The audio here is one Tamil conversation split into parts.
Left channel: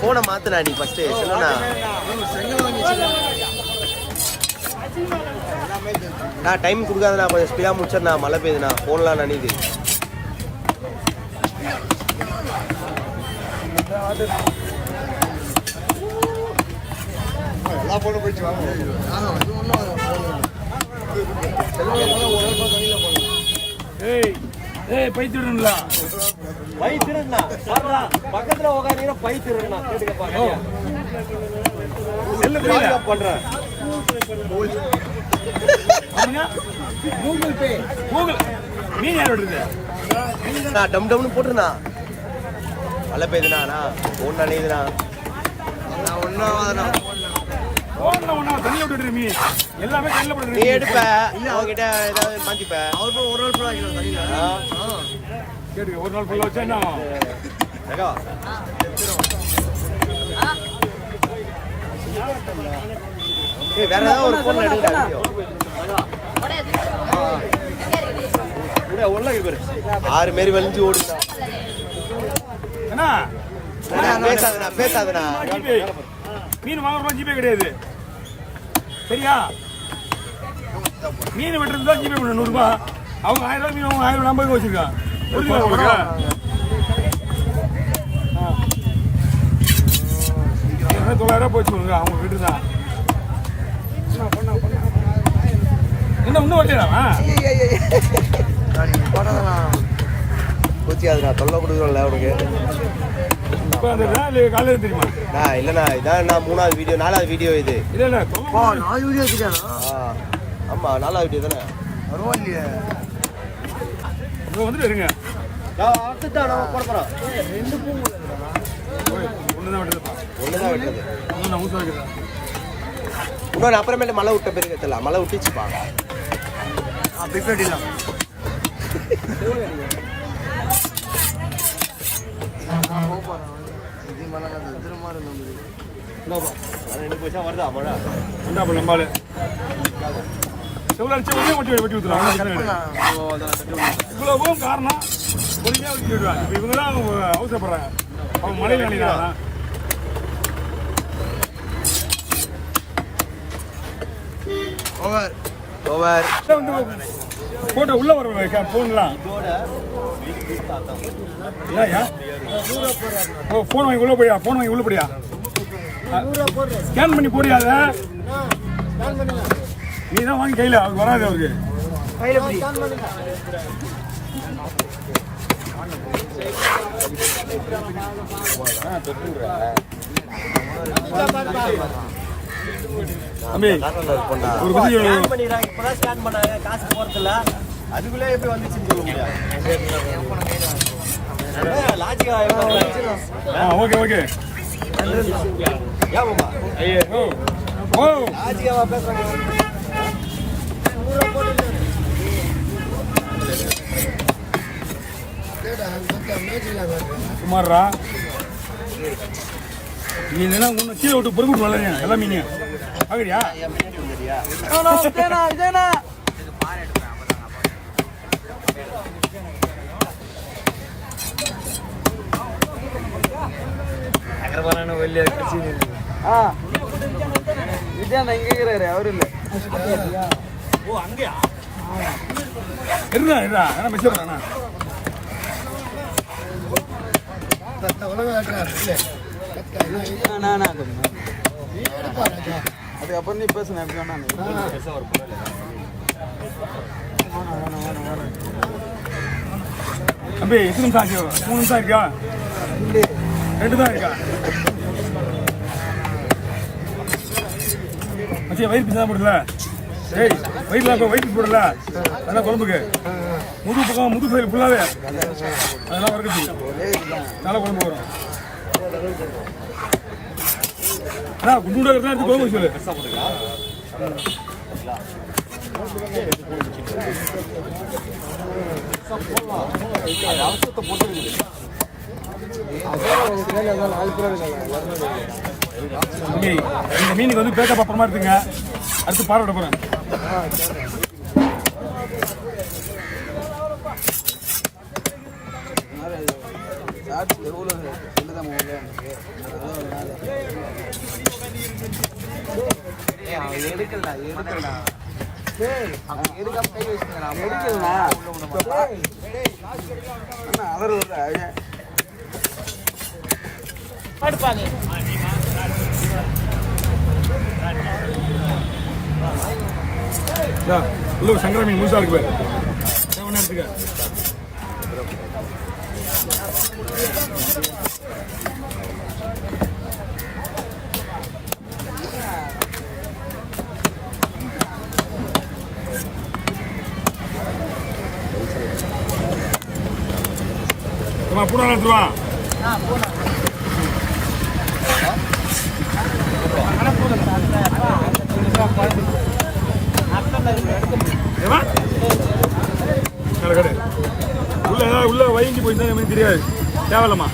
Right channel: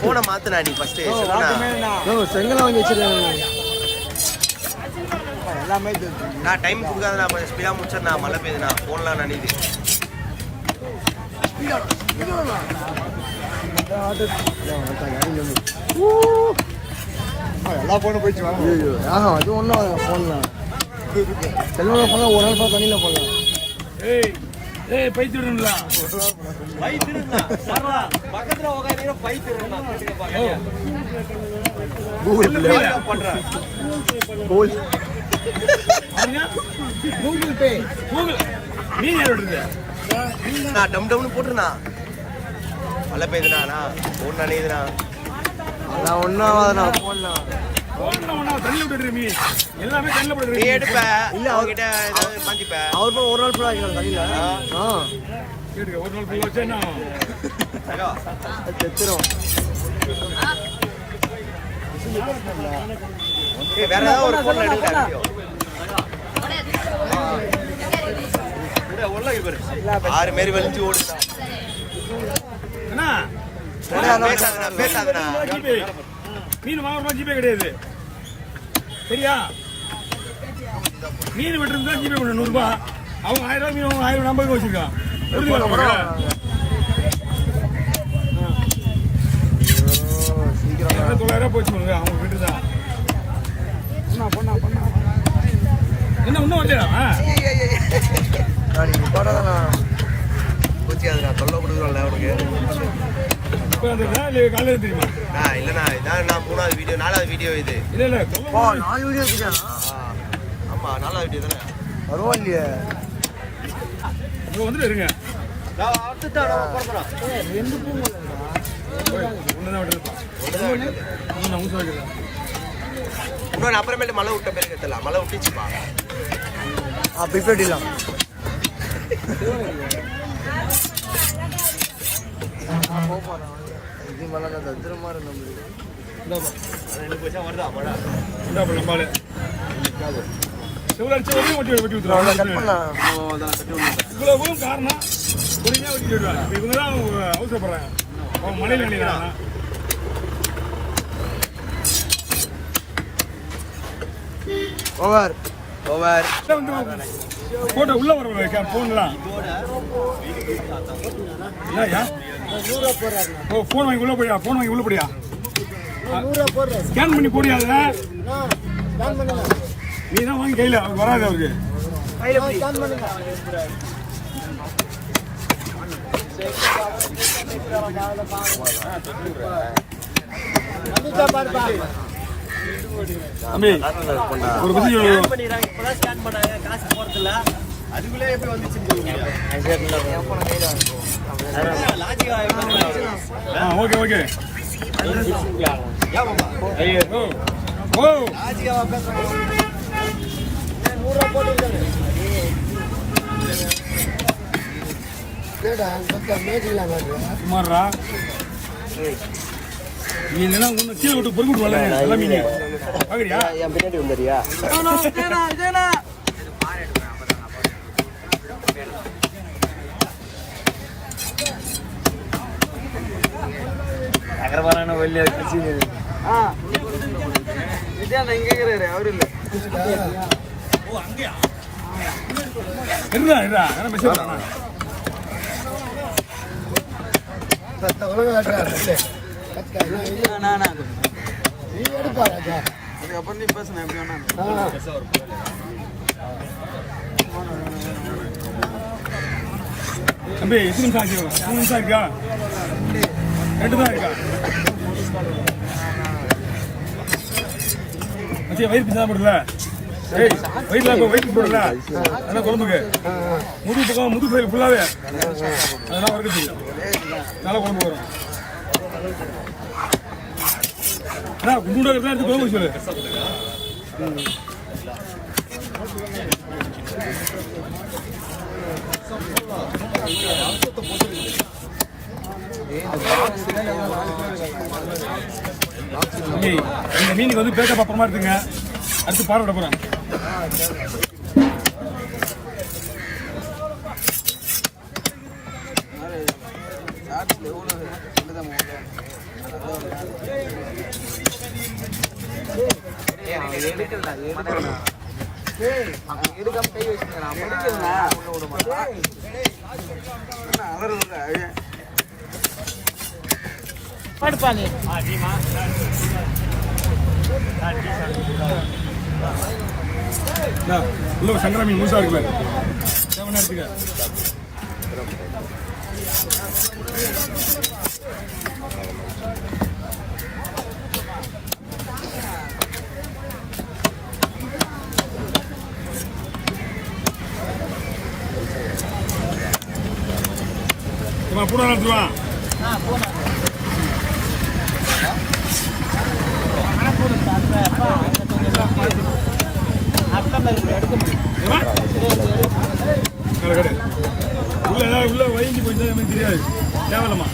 போனை மாத்தினா நீ ஃபர்ஸ்ட் சொல்லுண்ணா. செங்கல் வாங்கி வச்சிருக்கேன். நான் டைம் கொடுக்காதுண்ணா, கொஞ்சம் ஸ்பீடாக முடிச்சிடண்ணா. மழை பெய்யுதுண்ணா, ஃபோன்லாம் நனையுது. அது ஒன்றும் பைத்திருங்களா பைத்திருங்கண்ணா பக்கத்துல உட்காந்து பைத்திருங்கண்ணா பண்றேன். கூகுள் பே கூகுள் நீ யாரோட டம் டம்னு போட்டுருண்ணா. மழை பெய்யுதுண்ணா, ஃபோன் நனையுதுண்ணா. நான் ஒன்றும் போடணா தண்ணி விட்டுட்டு நீ எல்லாமே தண்ணில போட்டு நீ எடுப்ப இல்ல அவர்கிட்ட ஏதாவது மாட்டிப்ப. அவர் போய் ஒரு நாள் ஃபுல்லாக வைக்கிறோம் தண்ணியில். சரி ஒரு நாள் ஃபுல்லாக வச்சா என்ன செத்துரும். வேற ஏதாவது ஒரு ஃபோன்ல எடுங்க வீடியோ. 6 மாரி வலிஞ்சு ஓடுங்க. பேசாதுண்ணா. மீன் வாங்க ஜிபே கிடையாது சரியா? மீன் விட்டுருந்தா ஜிபே பண்ண 100 ரூபாய். அவங்க 1000 மீன் அவங்க 1050 வச்சிருக்கான். சீக்கிரம் 900 போச்சு அவங்க வீட்டு தான். என்ன இன்னும் வச்சுடா போடாதண்ணா, கோச்சிக்காதுண்ணா. தொல்லை கொடுக்குறோம்ல அவனுக்கு. காலையில் தெரியுமா? இல்லண்ணா, இதான் நான் 3வது வீடியோ 4வது வீடியோ இது. இல்ல இல்ல 4 வீடியோ வச்சுட்டானா? ஆமா 4வது வீடியோ தானே. பரவாயில்லையே. வந்துட்டு இருங்க. இன்னொன்று அப்புறமேட்டு மழை விட்ட பேருக்கு தெரியல. மழை விட்டுச்சுப்பா. பிப்பேட்டிலாம் இது மழை தத்திரமா இருந்தோம். இவ்வளவு காரணம் இவங்கதான் அவசரப்படுறாங்க. அவங்க மழை நினைக்கிறாங்க. ஓவர் ஓவர் போட்டோ உள்ள வர போன்லாம் போன் வாங்கி உள்ள போயா? போன் வாங்கி உள்ள போடியா? ஸ்கேன் பண்ணி போடியாத நீ தான் வாங்கி கையில அவருக்கு வராது. அவருக்கு தம்பி ஒரு காசு போறதில்ல. அதுக்குள்ளே எப்படி வந்துச்சுன்னு சொல்ல முடியாது. ஓகே ஓகே சுமாரா நீ இல்லைன்னா உன்னை கீழே விட்டு பொறுக்கிட்டு வரல எல்லாம் மீன் பாக்குறியா? பின்னாடி வந்துறியா? அதுக்கப்புறம் நீ பேசுன எப்படி வேணா தம்பி. எத்தனை நிமிஷம் ஆச்சு? 3 நிமிஷம் இருக்கா? 2 தான் இருக்கா? மச்சியா வயிறு பிசா போடல. ஏய் வயிறுல வயிற்று போடல. அதெல்லாம் குழம்புக்கு முது பக்கம் முது சைடு ஃபுல்லாவே அதெல்லாம் வறுக்கிறதுக்கு நல்லா குழம்பு வரும். குண்டு எடுத்து குழம்பு சொல்லு. இந்த மீனுக்கு வந்து பேக்கப் அப்புறமா இருக்குங்க. அடுத்து பார்வை போறேன். எடுக்கலடா எடுக்காம கை வச்சுக்கிறா உள்ள விட மாட்டான் அவர் உள்ள சங்கரா மீன் முழுசா இருக்கு பாரு நேரத்துக்கு பூனா எடுத்துருவா கடை உள்ள ஏதாவது உள்ள வயங்கி போயிருந்தா எனக்கு தெரியாது தேவையில்லம்மா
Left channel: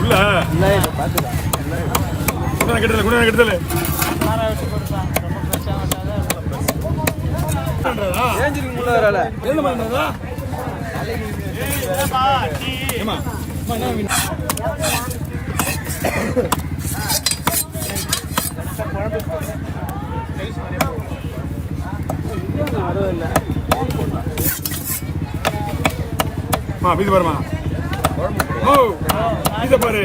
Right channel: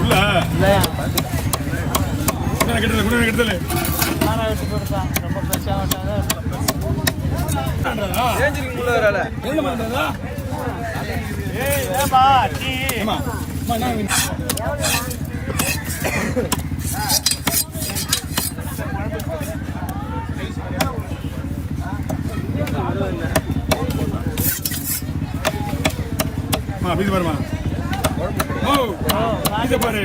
உள்ள கெட்டல கூட கெட்டல என்ன பண்றதா ஏமா என்ன இது பாருமா ஓ இத பாரு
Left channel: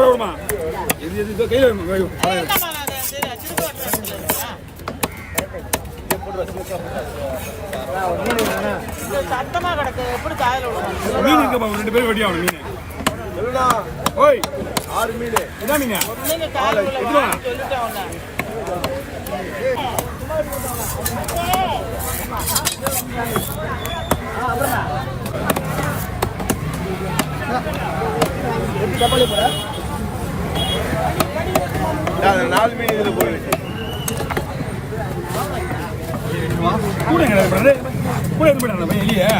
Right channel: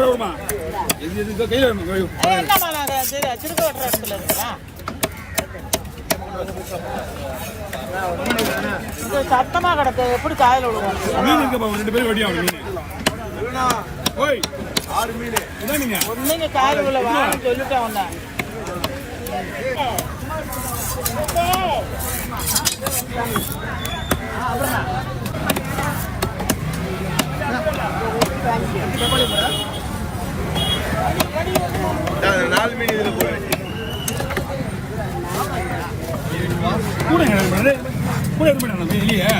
குடுமா இது கையில சத்தமா கிடக்கு எப்படி காயில ரெண்டு பேரும் வெட்டி ஆகணும் மீன் ஓய் 6 மீன் இதான் நீங்க நாலு மீன் இதுல போய் கூட கூட எடுத்து போயிட்டாங்க வெளியே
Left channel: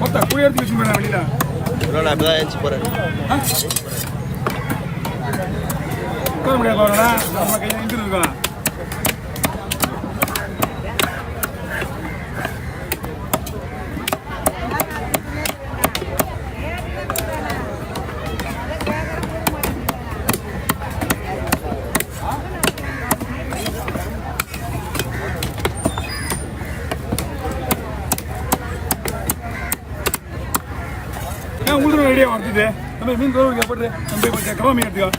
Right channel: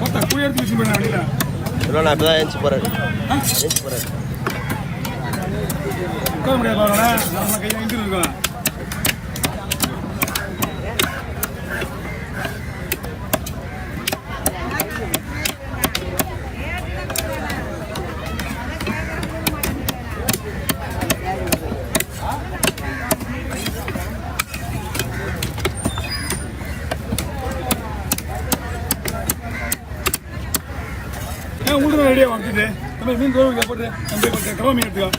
மொத்தம் கூட எடுத்து வச்சு போயிட்டாங்க வெளியில நான் இப்பதான் ஏஞ்சி போறேன் உட்கார முடியாது நம்ம கையில் நின்று இருக்கோம் உங்களுக்கு ரெடியா வந்துட்டு நம்ம மீன் தோறு போட்டு நம்ம கடவை மீன் எடுத்துக்கோ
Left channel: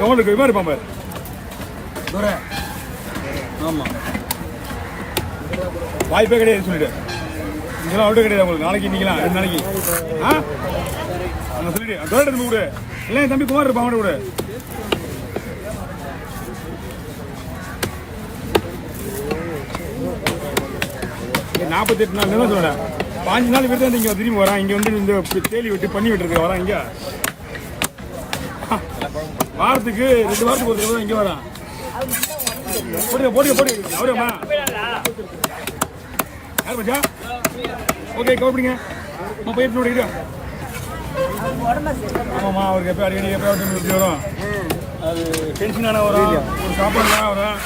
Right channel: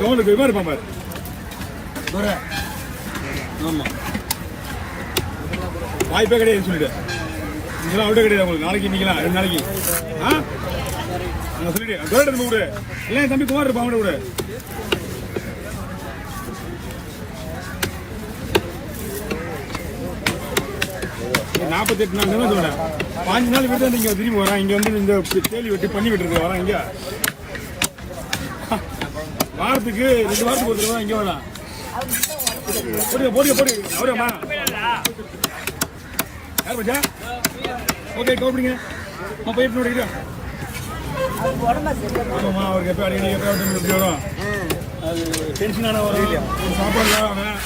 கவர்னுக்கு மாதிரி பாம்பு ஆமா வாய்ப்பே கிடையாது சொல்லிட்டு நீங்களாம் அவுட்டே கிடையாது உங்களுக்கு நாளைக்கு இன்னைக்கலாம் 2 நாளைக்கு அங்க சொல்லிட்டு தோட எடுத்து விடு எல்லாம் தம்பி குமார் இருப்பான் அவனை விடு $48 நாள் சொல்றேன் 5 நாள் விருது இங்க திரும்பி வரான் இங்க வந்து இந்த தேலி வெட்டி பண்ணி விட்டுருக்கு வரான் இங்க வாரத்துக்கு 2 வாரத்துக்கு ஒரு தடவை இங்க வரான் போடுமா யார் பச்சா ஓகே கவர்ப்பிடிங்க போயிட்டு நோடிக்கிட்டு ஆமாம்மா அவருக்கு எப்போ அடிக்கடி எப்போ வரும் அது டென்ஷனான வரும் ஒரு சாப்பாடு வரும்